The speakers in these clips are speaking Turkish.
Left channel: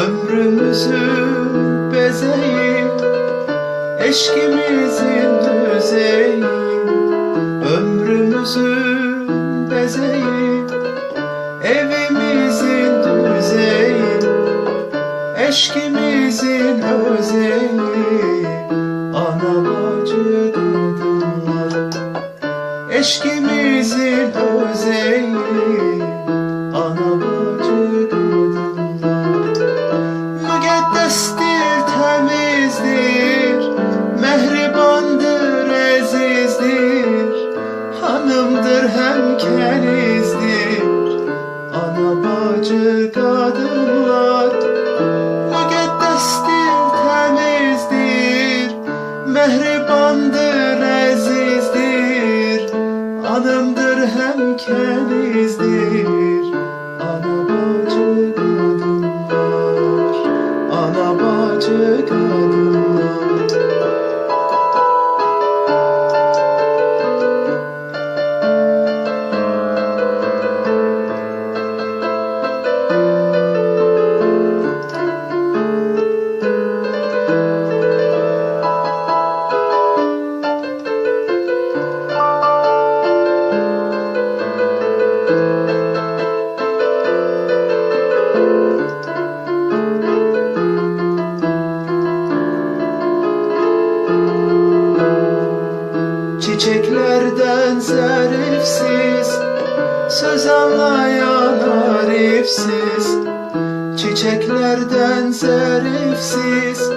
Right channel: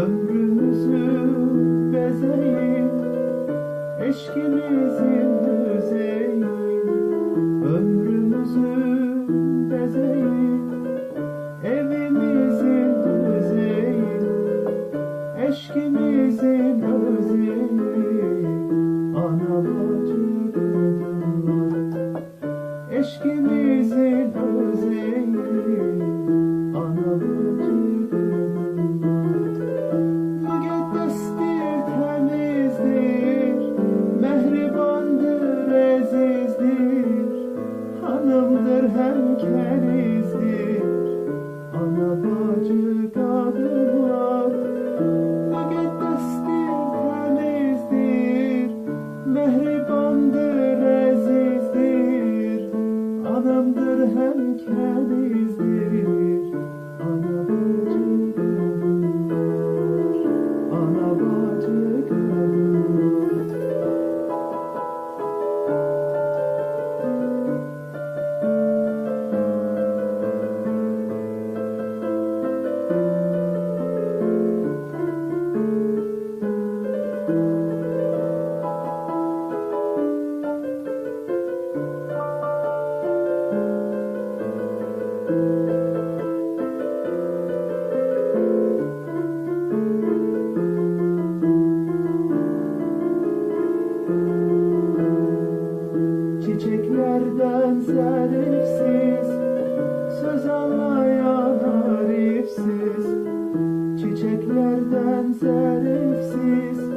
Ömrümüzün bezeyi, eşkimizin düzeyi. Ömrümüzün bezeyi, evimizin düzeyi. Eşkimizin özeyi, ana bacı kadınlar. Eşkimizin özeyi, ana bacı kadınlar. Müqəddəsdir, təmizdir, mehribandır, əzizdir. Hanımdır, həm kənizdir, ana bacı qadınlar. Müqəddəsdir, təmizdir, mehribandır, əzizdir. Hanımdır, həm kənizdir, ana bacı qadınlar. Ana bacı kadınlar. Çiçeklerden zarifsiz, söz anlayan arifsiz. Çiçeklerden zarifsiz,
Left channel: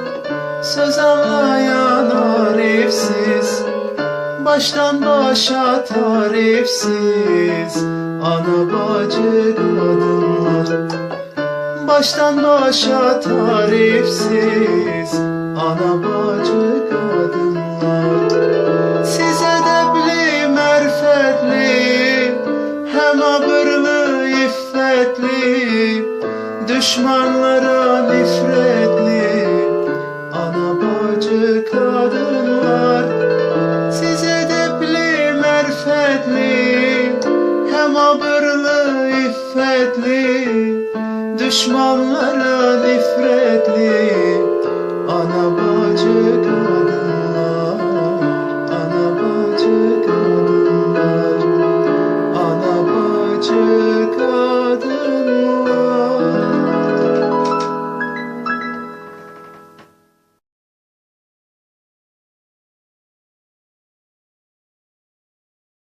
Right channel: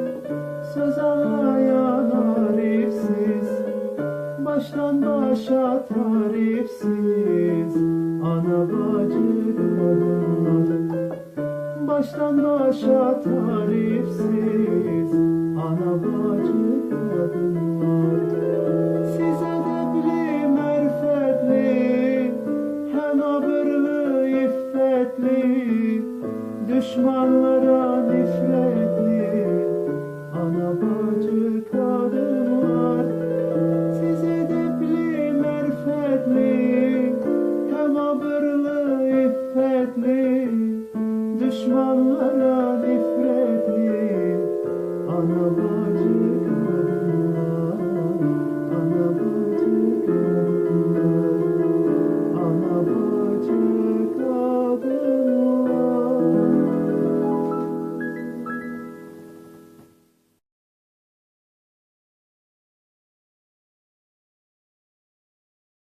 söz anlayan arifsiz. Baştan başa tarifsiz, ana bacı kadınlar. Baştan başa tarifsiz, ana bacı kadınlar. Siz edəbli, mərfətli, həm abırlı, iffətli, düşmanlara nifrətli, ana bacı kadınlar. Siz edəbli, mərfətli, həm abırlı, iffətli, düşmanlara nifrətli, ana bacı kadınlar.